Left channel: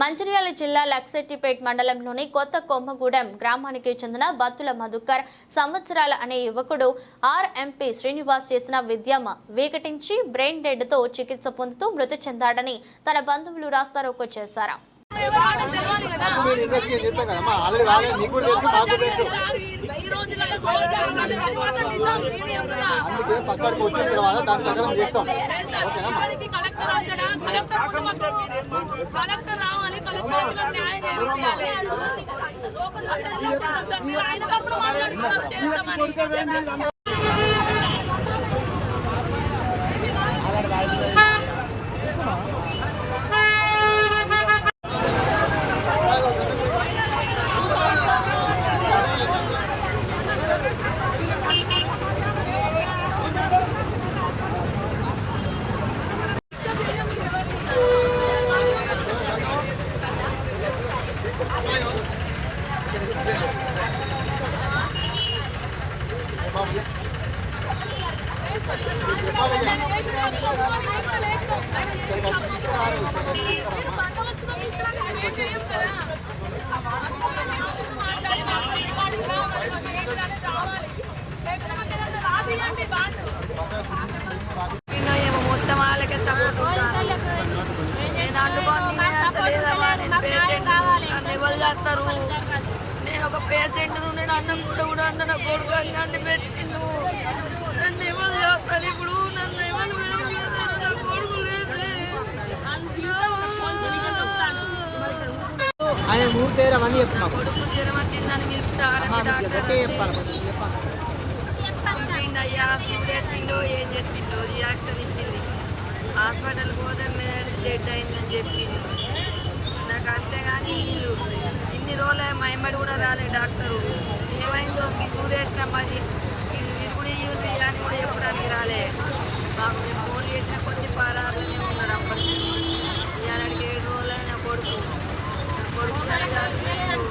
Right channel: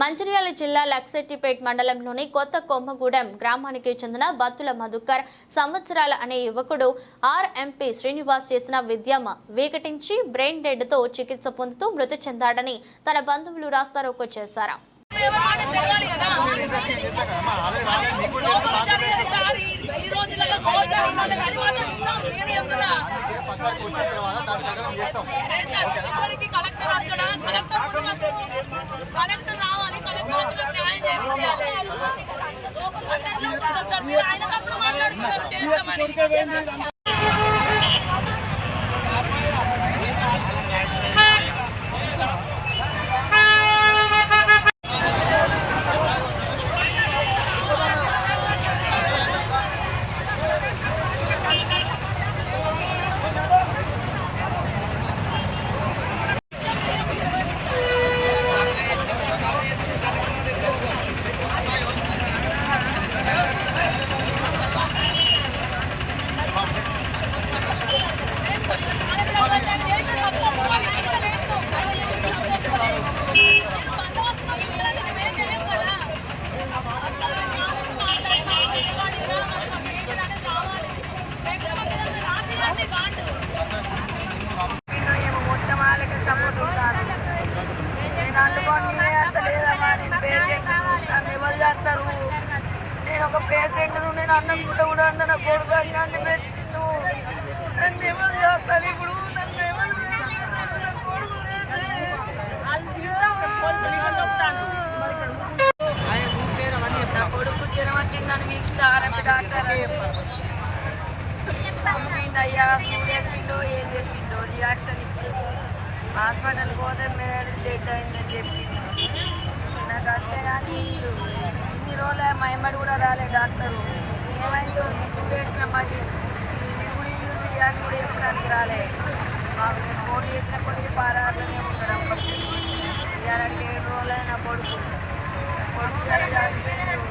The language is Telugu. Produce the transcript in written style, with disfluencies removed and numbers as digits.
మంచిర్యాల జిల్లా లక్సెట్టిపేట్ మండలంలోని కొత్త కొమ్మగూడెం గ్రామానికి చెందిన బత్తుల మధుకర్ సంవత్సరాల అనే యువకుడు ఆర్ఎంపీ శ్రీనివాస్ చేసిన విద్యమ వికటించి బ్రెయిన్ డెడ్ తో చికిత్స పొందుతూ మృతి చెందాడని తన బంధువులు రాస్తారోకో చేశారు. మొత్తం వాళ్ళకే సపోర్ట్ ఉంటాను. నేను అందుకొని నేనే అంత లేదమ్మా, నేను పేషెంట్, నన్ను ఎవరు చేస్తారు? నేను ఒక పేషెంట్ను, నేను అన్నం కూడా అంట నా కొడుకు అన్నీ పెట్టిండు. నన్ను ఎవరు చేస్తారు? ఇప్పుడు నన్ను ఎవరు చేస్తారు? నా కొడుకు లేదు. నా కొడుకు జ్వరం వచ్చిందని పిలుస్తారని డాక్టర్ వచ్చి చంపిండు అయ్యా, సూదేసిండో ఏం చేసిండో రియాక్షన్ ఇచ్చింది. హాస్పిటల్కి పోతే మీద డెడ్ అయిందని చెప్పిండు నాకు. అంతేగాని వీళ్ళు ఇన్ని రోజులు మా ఎమ్మడి కూడా రాలే డాక్టరు. ఏమైందో ఈ సూదేసిన మళ్ళీ విరుగుడు ఇవి అని కూడా చెప్పడానికి రాలే మాకు. మేము ఫోన్ చేసిన కొద్ది పారార్లోనే ఉన్నాడు అప్పటికి. ఇవాళకి 7 రోజులే నా కొడుకు ఇలా చనిపోయిండు.